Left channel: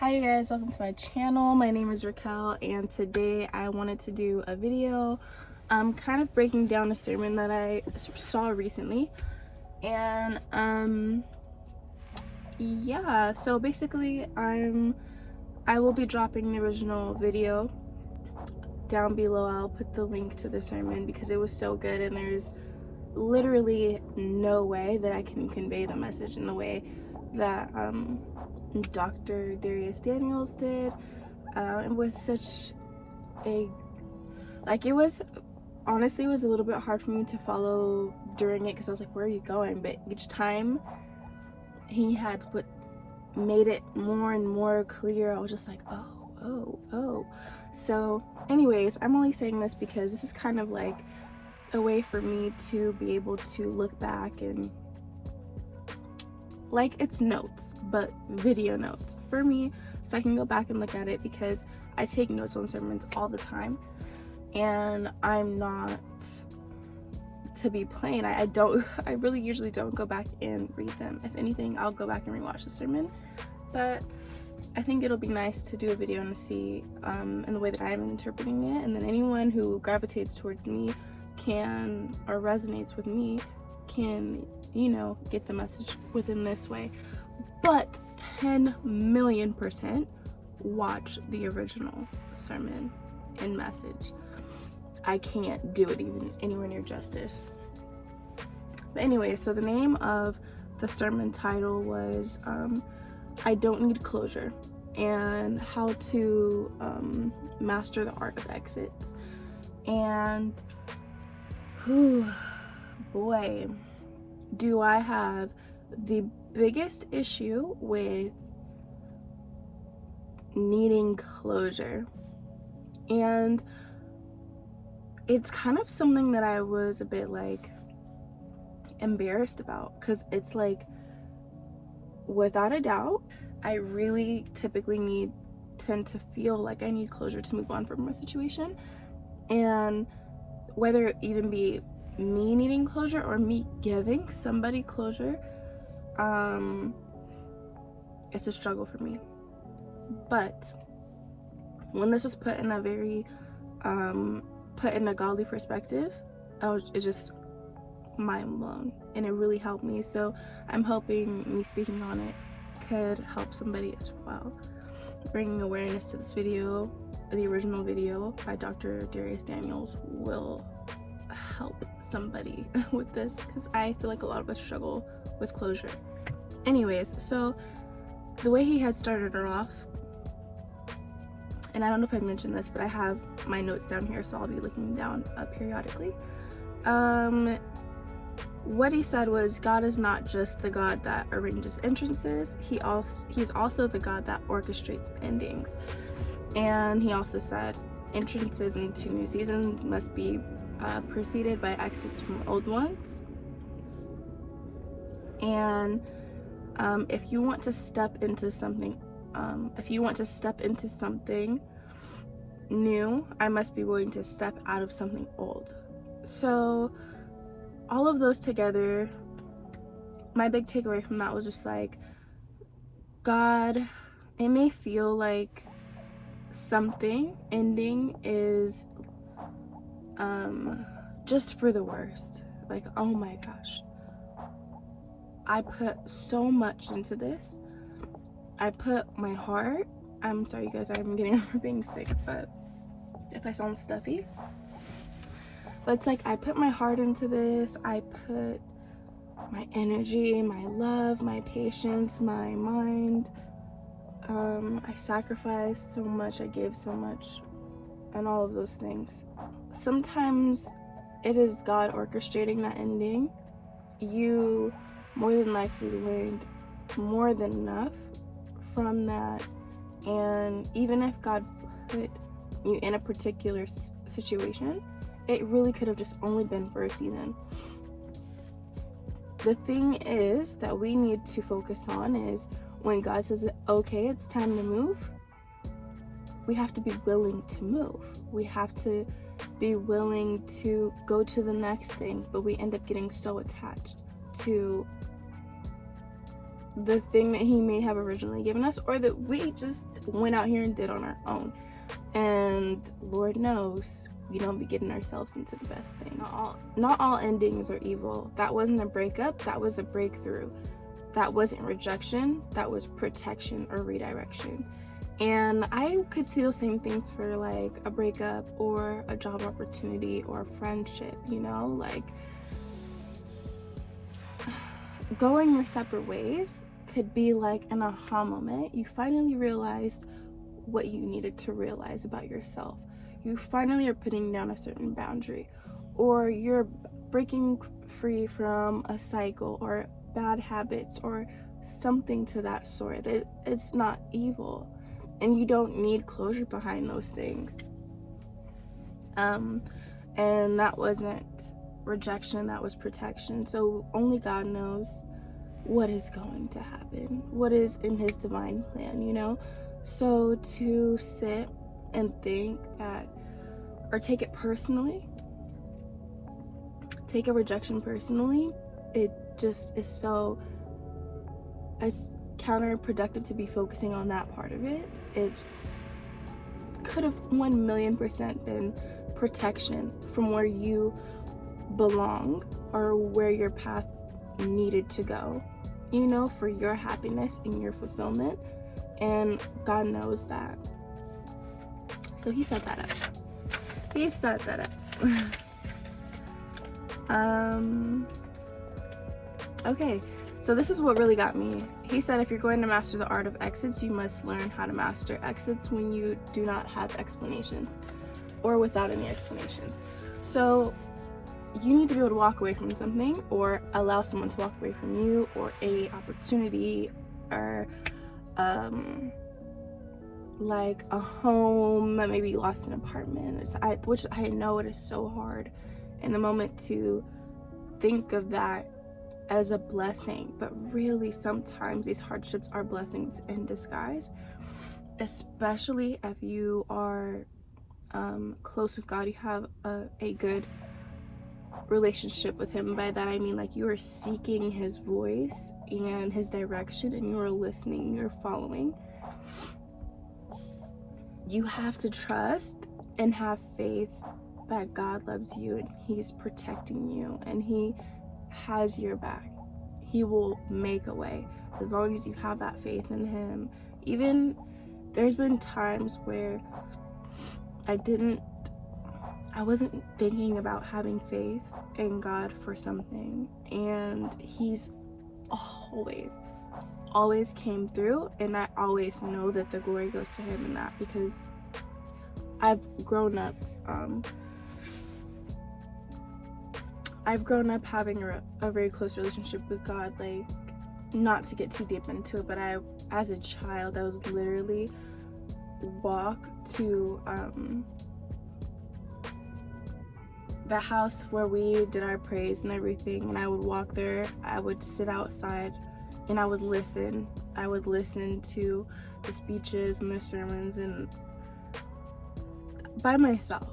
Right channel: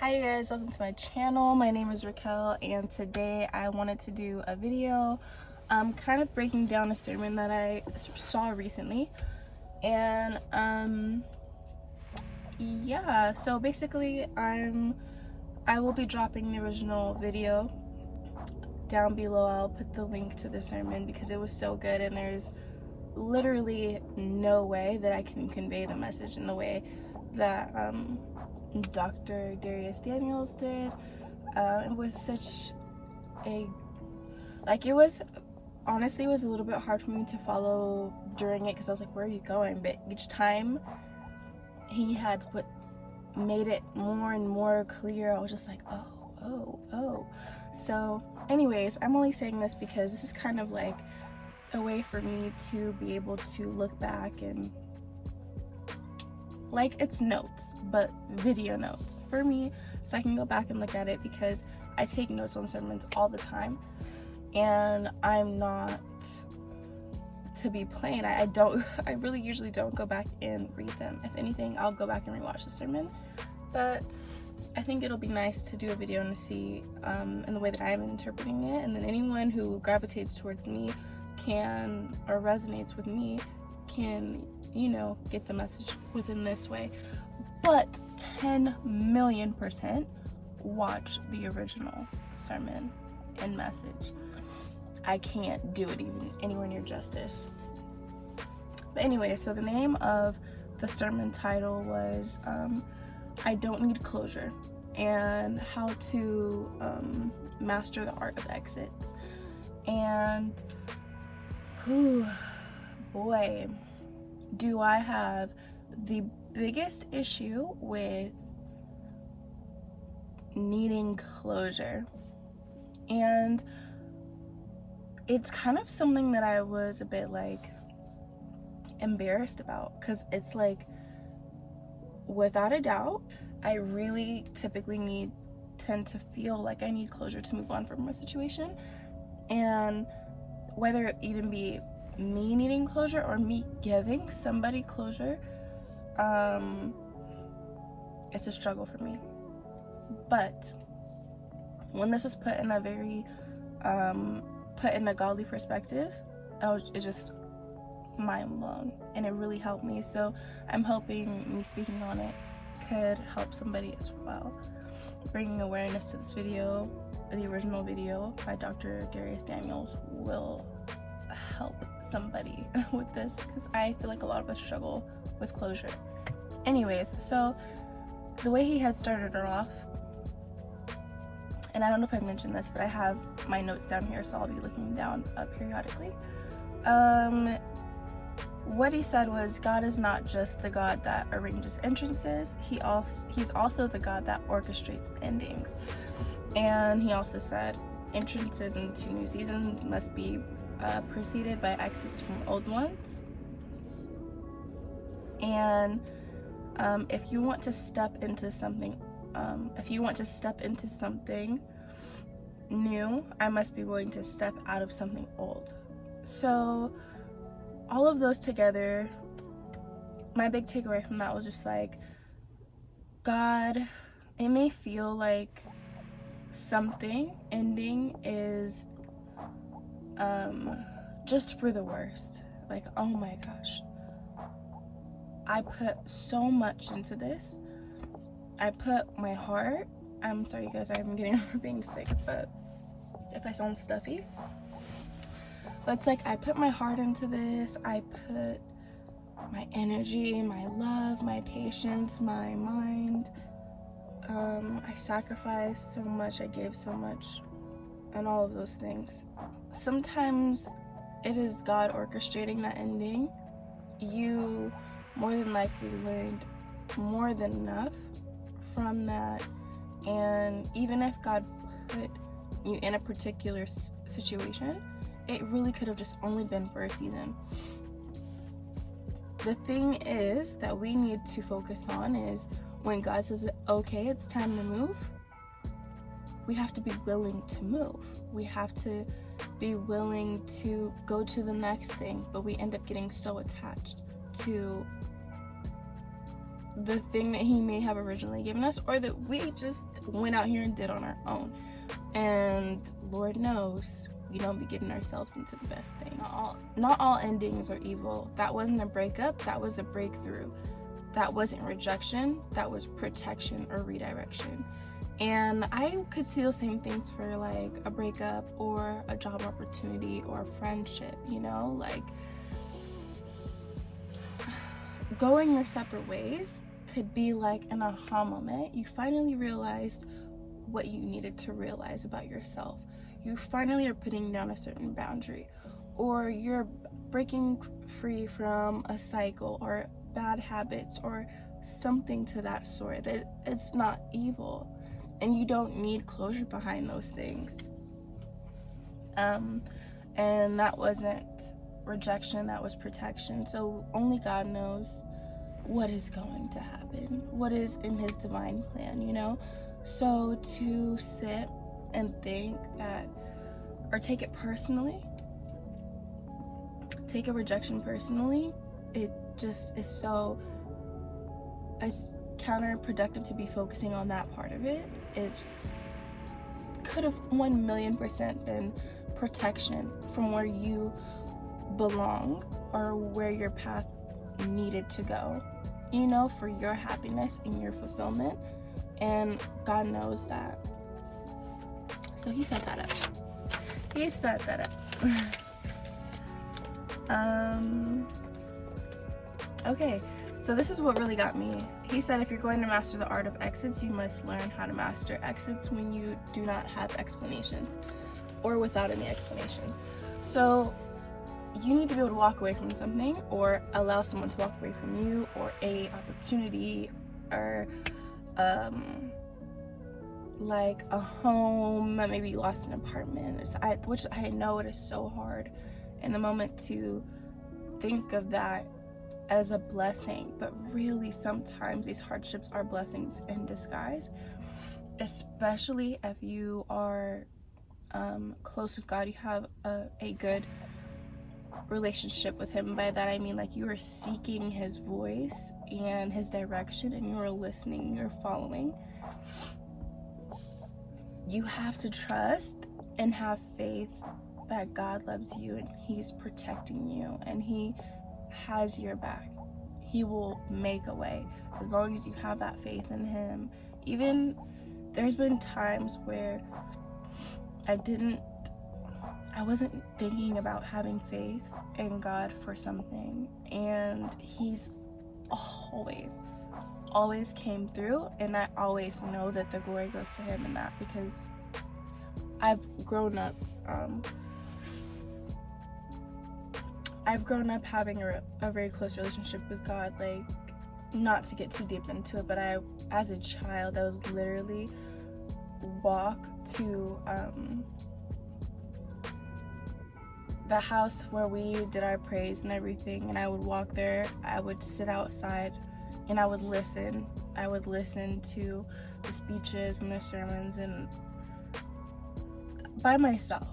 Hi you guys, welcome to my channel. My name is Raquel and today I wanted to do a video kind of breaking down a sermon that I saw recently. And yeah, so basically I will be dropping the original video down below. I'll put the link to the sermon because it was so good and there's literally no way that I can convey the message in the way that Dr. Dharius Daniels did. It was such a, it was, honestly, it was a little bit hard for me to follow during it because I was like, where are you going? But each time he had made it more and more clear, I was just like, oh. So anyways, I'm only saying this because this is kind of like a way for me to be able to look back and it's notes, but video notes for me, so I can go back and look at it because I take notes on sermons all the time and I'm not to be plain. I really usually don't go back and read them. If anything, I'll go back and rewatch the sermon, but I think it'll be nice to do a video and to see in the way that I'm interpreting it, and then anyone who gravitates towards me can, or resonates with me, can, you know, get the message within this way. But 10 million % watch the original sermon and message. I can't do it even anywhere near justice. But anyway, so the name of the sermon title was I Don't Need Closure, and how to master the art of exits. And boy, do I have the biggest issue with needing closure. And it's kind of something that I was a bit embarrassed about, because it's without a doubt, I really typically tend to feel like I need closure to move on from a situation. And whether it even be me needing closure or me giving somebody closure, it's a struggle for me. But when this was put in a very put in a godly perspective, it's just mind blown, and it really helped me. So I'm hoping me speaking on it could help somebody as well. Bringing awareness to this video, the original video by Dr. Dharius Daniels, will help somebody with this, because I feel like a lot of us struggle with closure. Anyways, so the way he had started it off, and I don't know if I mentioned this, but I have my notes down here, so I'll be looking down periodically. What he said was, God is not just the God that arranges entrances, he's also the God that orchestrates endings. And he also said entrances into new seasons must be preceded by exits from old ones. And if you want to step into something new, I must be willing to step out of something old. So all of those together, my big takeaway from that was just God, it may feel like something ending is just for the worst. Oh my gosh, I put so much into this. I put my heart, I'm sorry you guys, I'm getting over being sick, but if I sound stuffy, but it's I put my heart into this. I put my energy, my love, my patience, my mind. I sacrificed so much, I gave so much, and all of those things. Sometimes it is God orchestrating that ending. You more than likely learned more than enough from that, and even if God put you in a particular situation, it really could have just only been for a season. The thing is that we need to focus on is when God says, okay, it's time to move, we have to be willing to move. We have to be willing to go to the next thing, but we end up getting so attached to the thing that he may have originally given us, or that we just went out here and did on our own. And Lord knows we don't be getting ourselves into the best things. Not all endings are evil. That wasn't a breakup, that was a breakthrough. That wasn't rejection, that was protection or redirection. And I could see those same things for like a breakup or a job opportunity or a friendship, you know, like going your separate ways could be like an aha moment. You finally realized what you needed to realize about yourself. You finally are putting down a certain boundary, or you're breaking free from a cycle or bad habits or something to that sort. It's not evil, and you don't need closure behind those things. And that wasn't rejection, that was protection. So only God knows what is going to happen, what is in his divine plan, you know. So to sit and think that, or take it personally, take a rejection personally, it just is so, it's counterproductive to be focusing on that part of it. It's could have 1,000,000% been protection from where you belong or where your path needed to go, you know, for your happiness and your fulfillment. And God knows that. So he set that up. He set that up. Okay, so this is what really got me. He said, if you're going to master the art of exits, you must learn how to master exits when you do not have explanations, or without any explanations. So you need to be able to walk away from something, or allow someone to walk away from you, or a opportunity, or like a home, maybe you lost an apartment, which I know it is so hard in the moment to think of that as a blessing, but really sometimes these hardships are blessings in disguise, especially if you are close with God, you have a good relationship with him. By that I mean like you are seeking his voice and his direction, and you are listening, you're following. You have to trust and have faith that God loves you and he's protecting you and he has your back. He will make a way as long as you have that faith in him. Even there's been times where I wasn't thinking about having faith in God for something, and he's always came through, and I always know that the glory goes to him in that, because I've grown up having a very close relationship with God. Like, not to get too deep into it, but as a child, I would literally walk to the house where we did our praise and everything, and I would walk there, I would sit outside, and I would listen to the speeches and the sermons, and by myself.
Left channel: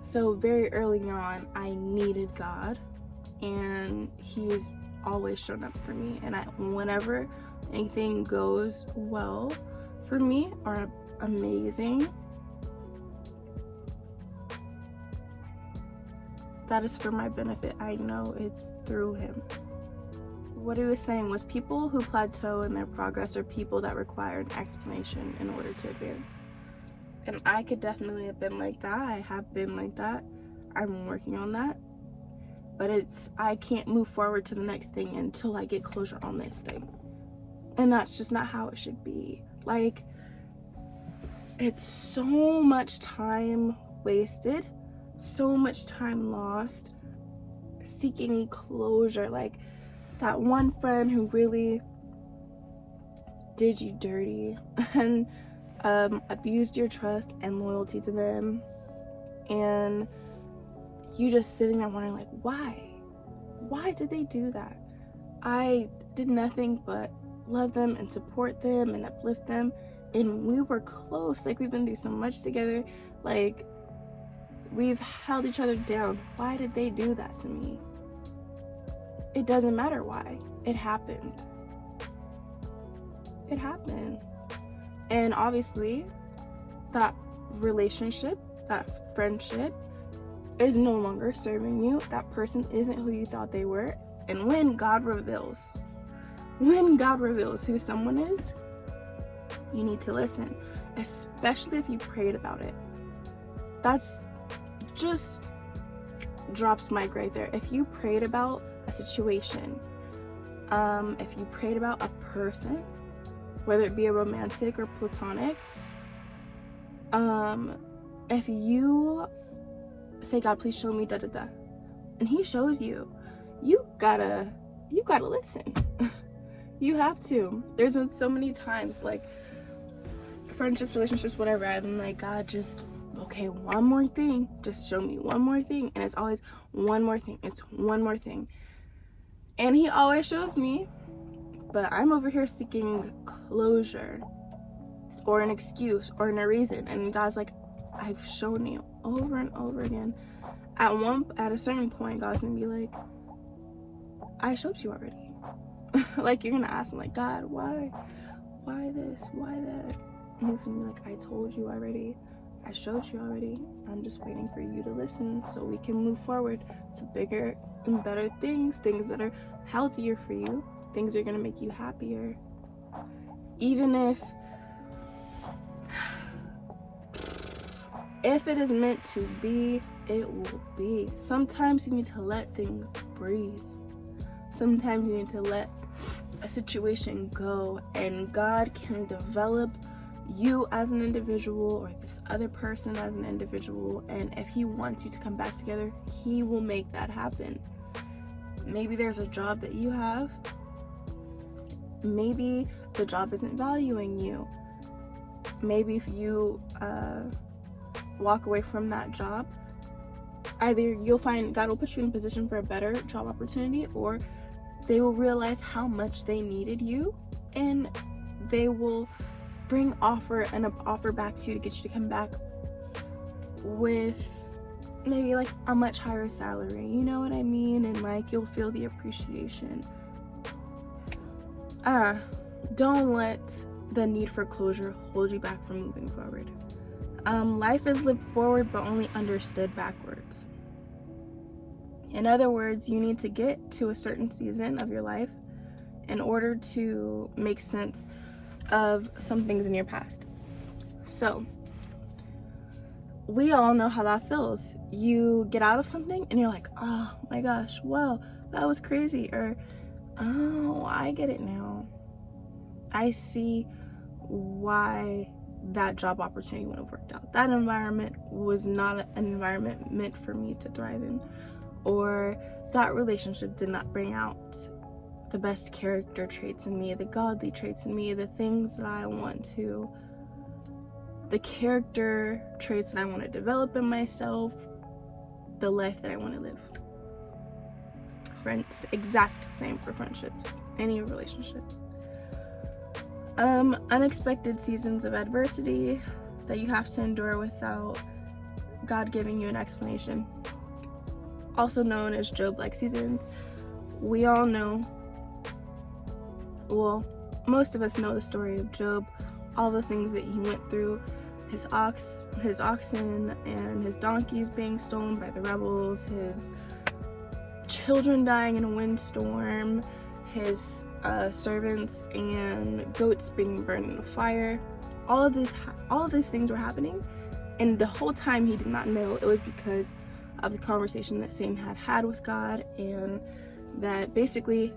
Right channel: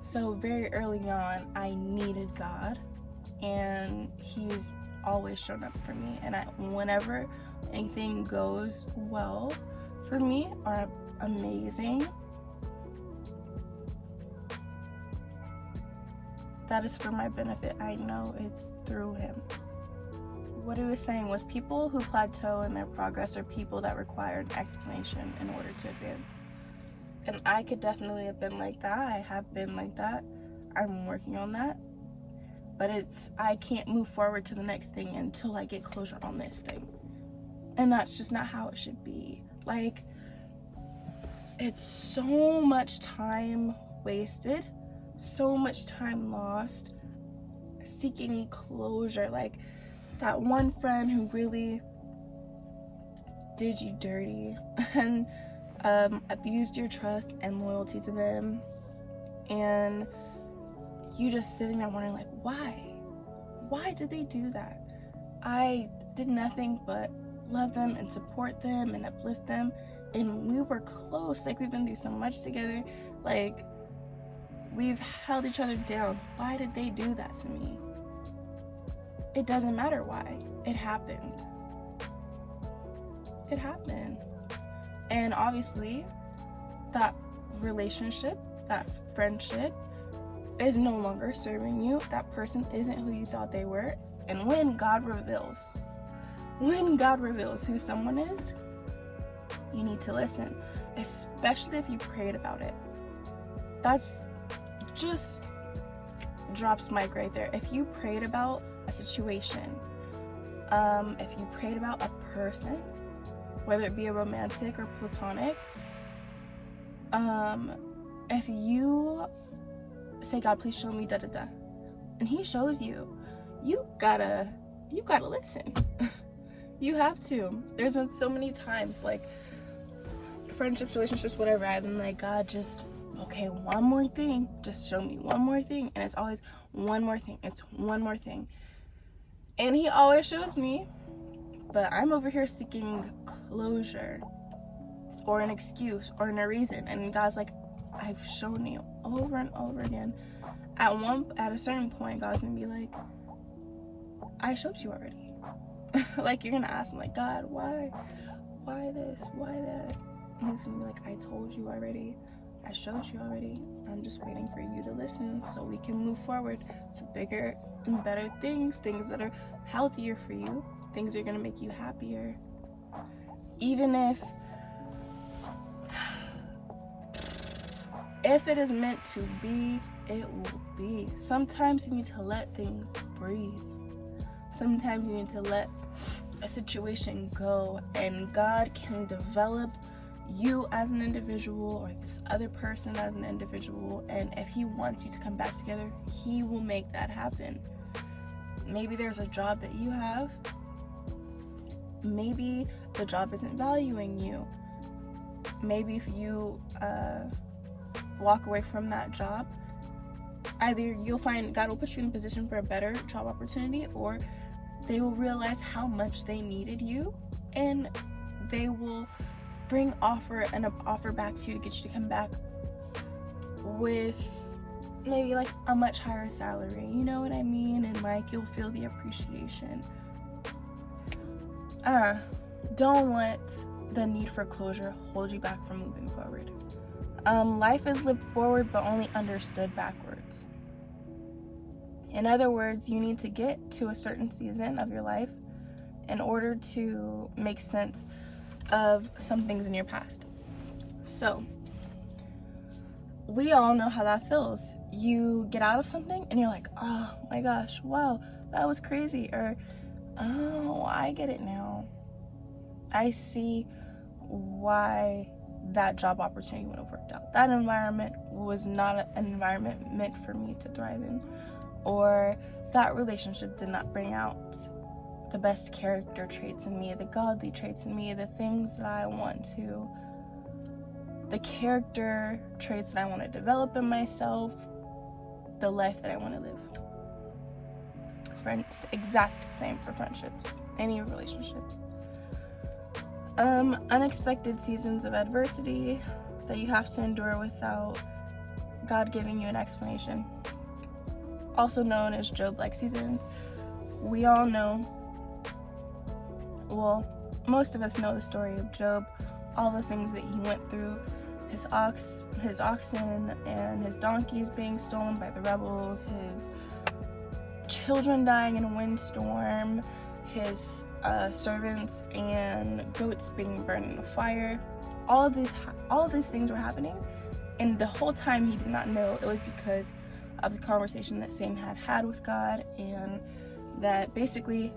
So very early on, I needed God, and he's always shown up for me. And whenever anything goes well for me or amazing, that is for my benefit. I know it's through him. What he was saying was, people who plateau in their progress are people that require an explanation in order to advance. And I could definitely have been like that. I have been like that. I'm working on that. But I can't move forward to the next thing until I get closure on this thing. And that's just not how it should be. Like, it's so much time wasted, so much time lost seeking closure. Like, that one friend who really did you dirty and abused your trust and loyalty to them, and you just sitting there wondering, like, why did they do that? I did nothing but love them and support them and uplift them, and we were close. Like, we've been through so much together, like, we've held each other down. Why did they do that to me? It doesn't matter why. It happened. it happen. And obviously, that relationship, that friendship is no longer serving you. That person isn't who you thought they were. And when God reveals who someone is, you need to listen, especially if you prayed about it. That's just drops mic right there. If you prayed about a situation, if you prayed about a person, whether it be a romantic or platonic, if you say, God, please show me da da da, and he shows you, you gotta listen. You have to. There's been so many times, like friendships, relationships, whatever, I've been like, God, just okay, one more thing, just show me one more thing. And it's always one more thing, it's one more thing. And he always shows me, but I'm over here seeking closure or an excuse or a reason. And God's like, I've shown you over and over again. At a certain point, God's gonna be like, I showed you already. Like, you're gonna ask him, like, God, why this, why that? And he's gonna be like, I told you already, I showed you already. I'm just waiting for you to listen so we can move forward to bigger and better things that are healthier for you, things that are gonna make you happier. Even if it is meant to be, it will be. Sometimes you need to let things breathe. Sometimes you need to let a situation go, and God can develop you as an individual or this other person as an individual. And if he wants you to come back together, he will make that happen. Maybe there's a job that you have. Maybe the job isn't valuing you. Maybe if you walk away from that job, either you'll find God will put you in a position for a better job opportunity, or they will realize how much they needed you, and they will bring an offer back to you to get you to come back with maybe like a much higher salary, you know what I mean? And like, you'll feel the appreciation. Don't let the need for closure hold you back from moving forward. Life is lived forward but only understood backwards. In other words, you need to get to a certain season of your life in order to make sense of some things in your past. So, we all know how that feels. You get out of something and you're like, oh my gosh, wow, that was crazy. Or, oh, I get it now. I see why that job opportunity wouldn't have worked out. That environment was not an environment meant for me to thrive in. Or that relationship did not bring out the best character traits in me, the godly traits in me, the things that I want to, the character traits that I want to develop in myself, the life that I want to live. Friends, exact same for friendships, any relationship. Unexpected seasons of adversity that you have to endure without God giving you an explanation, also known as Job-like seasons. We all know, well, most of us know the story of Job, all the things that he went through, his oxen and his donkeys being stolen by the rebels, his children dying in a windstorm, his servants and goats being burned in the fire. All of these things were happening, and the whole time he did not know it was because of the conversation that Satan had with God, and that basically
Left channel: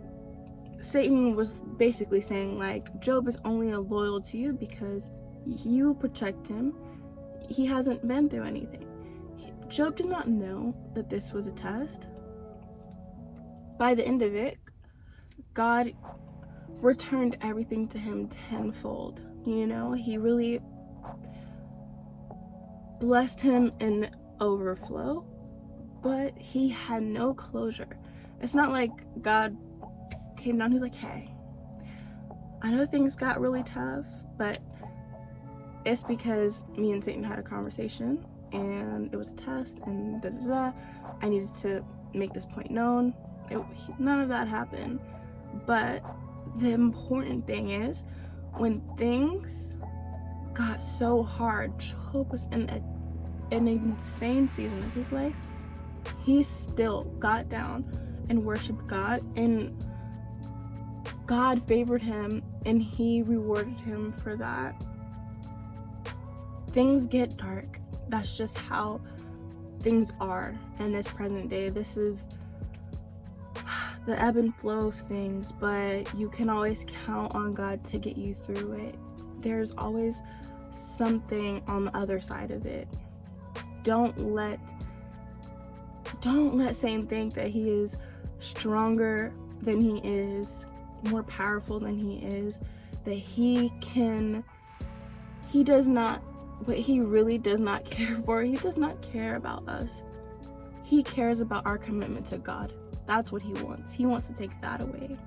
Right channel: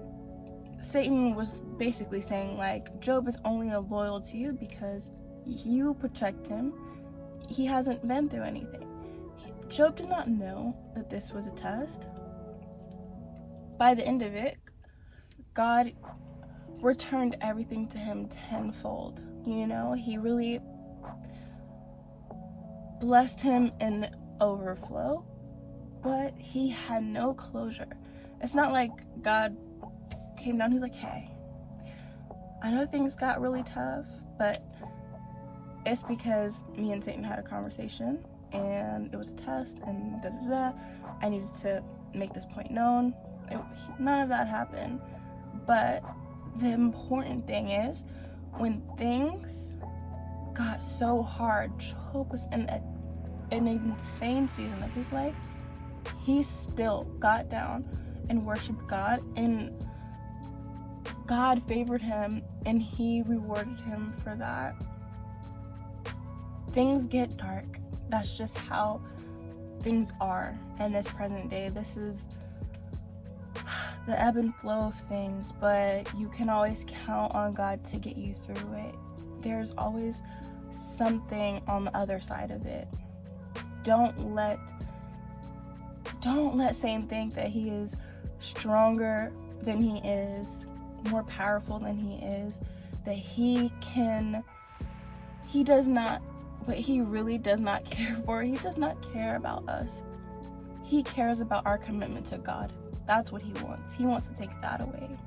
Satan was basically saying, like, Job is only loyal to you because you protect him. He hasn't been through anything. Job did not know that this was a test. By the end of it, God returned everything to him tenfold. You know, he really blessed him in overflow, but he had no closure. It's not like God came down, he's like, hey, I know things got really tough, but it's because me and Satan had a conversation and it was a test and I needed to make this point known. None of that happened. But the important thing is, when things got so hard, Job was in an insane season of his life. He still got down and worshiped God, and God favored him, and he rewarded him for that. Things get dark. That's just how things are in this present day. This is the ebb and flow of things, but you can always count on God to get you through it. There's always something on the other side of it. Don't let Satan think that he is stronger than he is, more powerful than he is, that he does not, what he really does not care for. He does not care about us. He cares about our commitment to God. That's what he wants. He wants to take that away.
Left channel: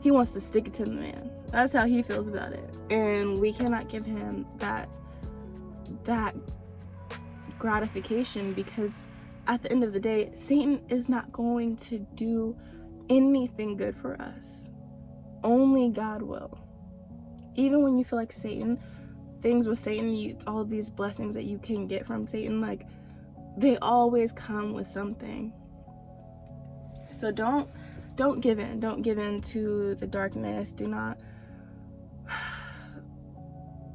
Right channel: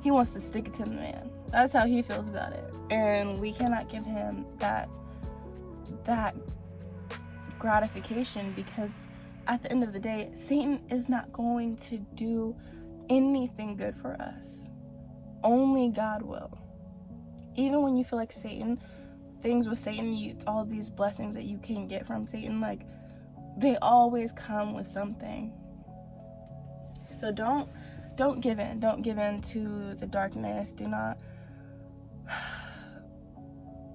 He wants to stick it to the man. That's how he feels about it. And we cannot give him that gratification, because at the end of the day, Satan is not going to do anything good for us. Only God will. Even when you feel like things with Satan, all these blessings that you can get from Satan, like, they always come with something. So don't give in. Don't give in to the darkness.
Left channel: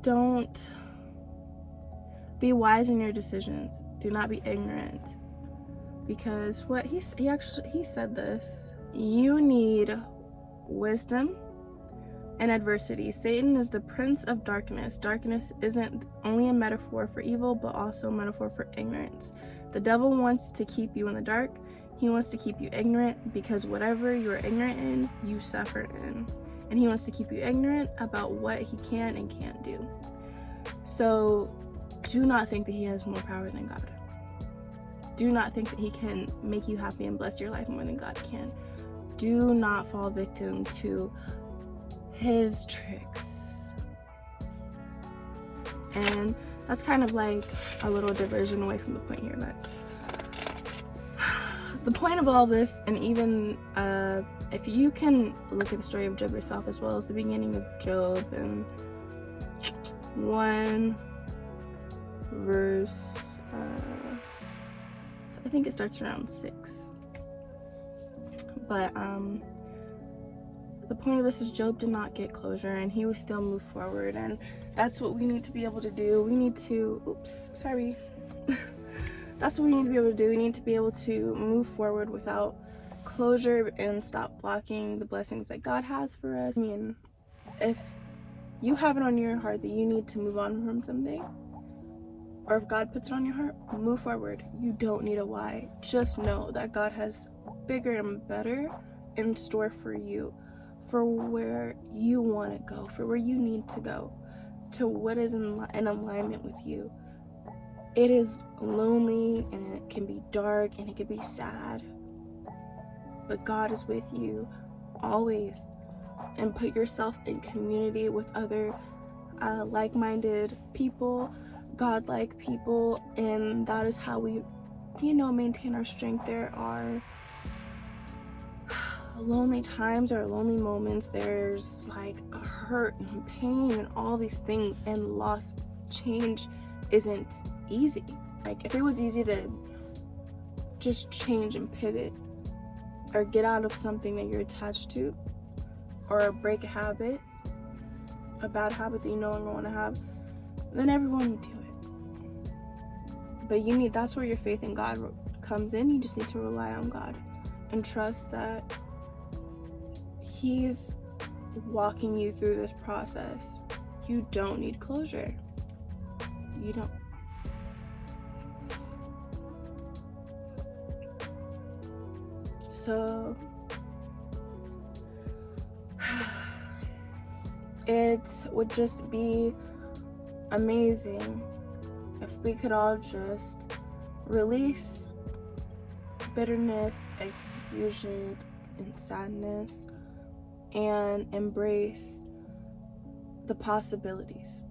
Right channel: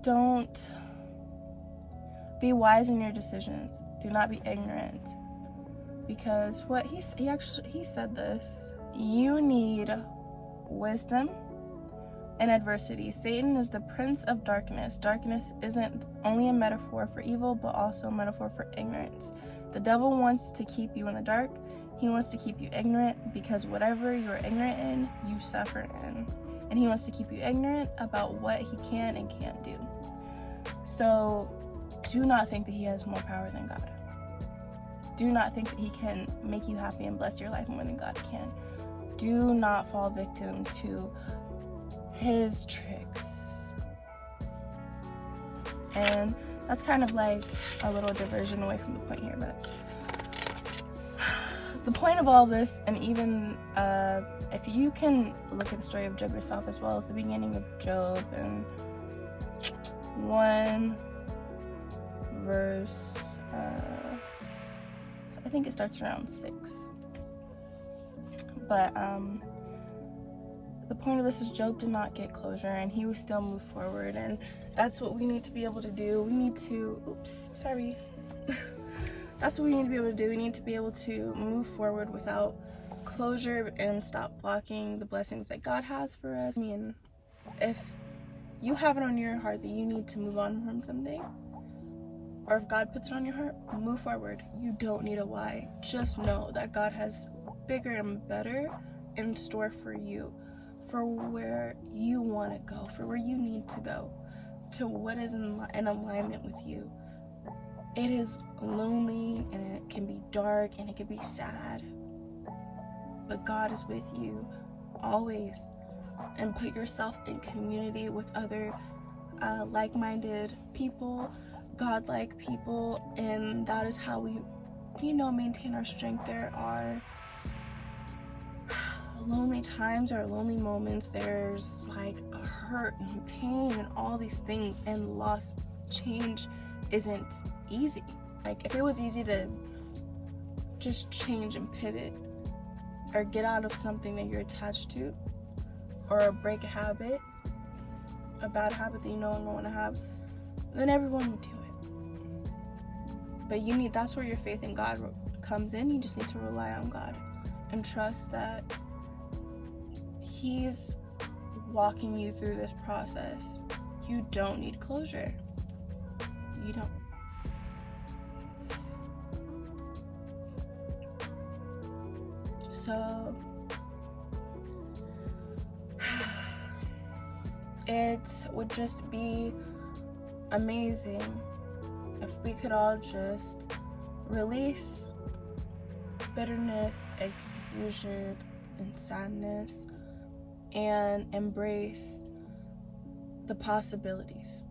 Don't be wise in your decisions. Do not be ignorant. Because what he said this, you need wisdom in adversity. Satan is the prince of darkness. Darkness isn't only a metaphor for evil, but also a metaphor for ignorance. The devil wants to keep you in the dark. He wants to keep you ignorant, because whatever you're ignorant in, you suffer in. And he wants to keep you ignorant about what he can and can't do. So do not think that he has more power than God. Do not think that he can make you happy and bless your life more than God can. Do not fall victim to his tricks. And that's kind of like a little diversion away from the point here, but the point of all this, and even if you can look at the story of Job yourself, as well as the beginning of Job and 1 verse, I think it starts around 6. But the point of this is Job did not get closure, and he would still move forward, and that's what we need to be able to do. We need to, that's what we need to be able to do. We need to be able to move forward without closure and stop blocking the blessings that God has for us. I mean, if you have it on your heart that you need to move on from something, or if God puts it on your heart, move forward. You don't need a why. Just know that God has bigger and better in store for you, for where you want to go, for where you need to go, to what is in alignment with you. It is lonely, and it can be dark, and it can be sad, but God is with you always. And put yourself in community with other like-minded people, God-like people, and that is how we, maintain our strength. There are lonely times or lonely moments. There's like hurt and pain and all these things, and loss. Change isn't easy. Like, if it was easy to just change and pivot or get out of something that you're attached to, or break a habit, a bad habit that you no longer want to have, then everyone would do it. But that's where your faith in God comes in. You just need to rely on God and trust that He's walking you through this process. You don't need closure. You don't. So it would just be amazing if we could all just release bitterness and confusion and sadness and embrace the possibilities,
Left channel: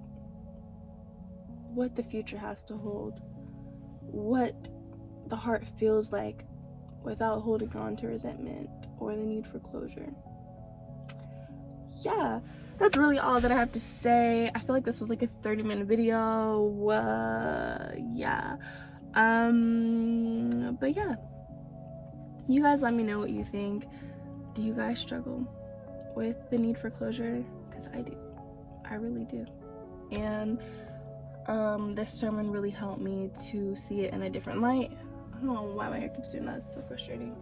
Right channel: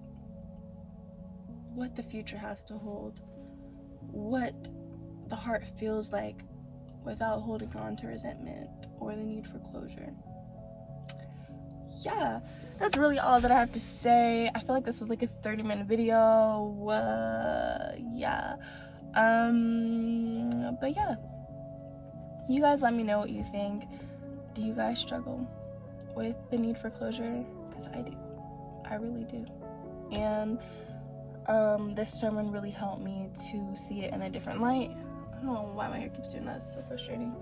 what the future has to hold, what the heart feels like without holding on to resentment or the need for closure. yeah, that's really all that I have to say. I feel like this was like a 30-minute video. Yeah. But yeah, you guys let me know what you think. Do you guys struggle with the need for closure? Because I do. I really do. And this sermon really helped me to see it in a different light. I don't know why my hair keeps doing that. It's so frustrating.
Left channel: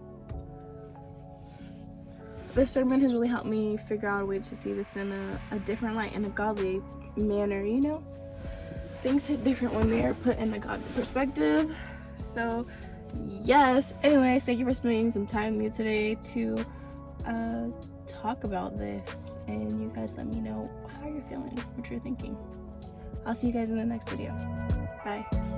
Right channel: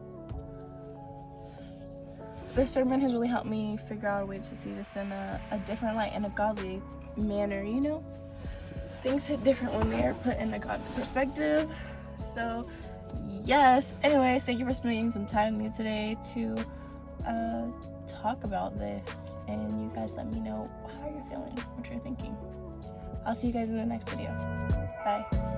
This sermon has really helped me figure out a way to see this in a different light, in a godly manner, you know? Things hit different when they're put in a godly perspective. So, yes. Anyways, thank you for spending some time with me today to talk about this. And you guys let me know how you're feeling, what you're thinking. I'll see you guys in the next video. Bye.